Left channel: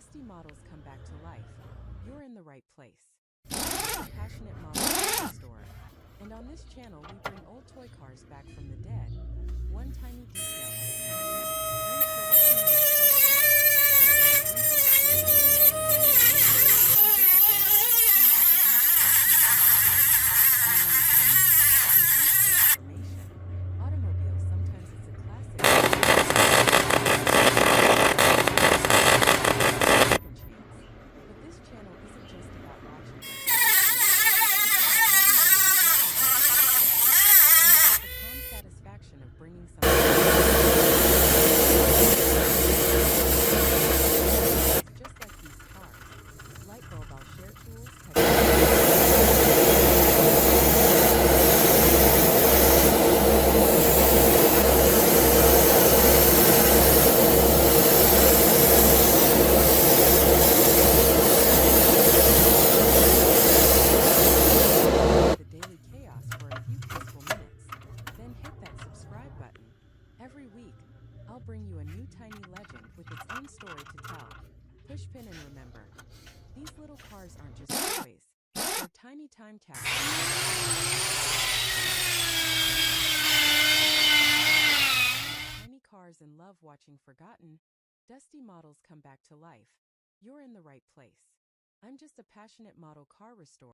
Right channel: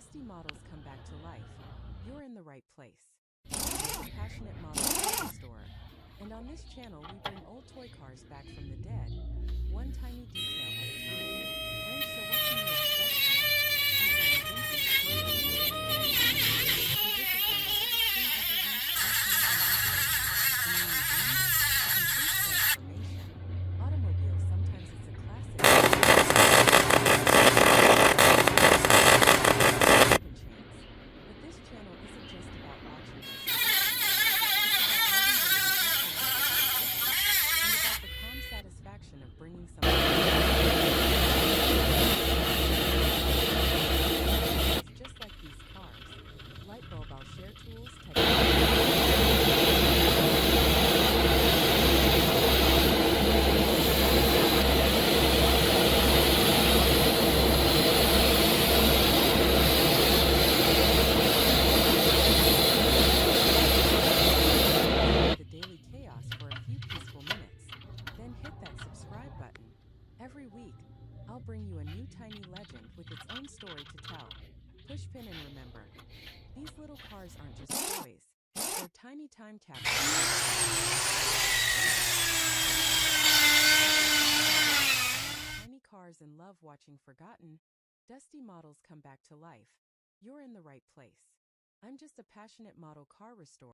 Dusty models come back to life. You're in the right place. I'm a passionate model car restorer, and on this channel we bring old toy cars back from the dead, one tiny detail at a time. And so what can you expect here? We've got a vintage story to tell you. We disassemble, clean every loose, repaint, and rebuild. And in museums, a complete transformation. Automobiles, sometimes it's a classic. Second chance. But this channel isn't just about watching retro cars. It's about loving them with the passion and about the calm satisfaction of bringing something just like these cars. Light bulb, I'll share tools, the daily chaos for a few peaceful minutes. Then hit that subscribe button. Every week, I'll bring you a new tiny legend with its own story to tell. Push pin and remember, these little cars aren't just toys. They're tiny time tiny cars and love watching forgotten, dusty models come back to life. You're in the right place. I'm just a passionate model car restorer.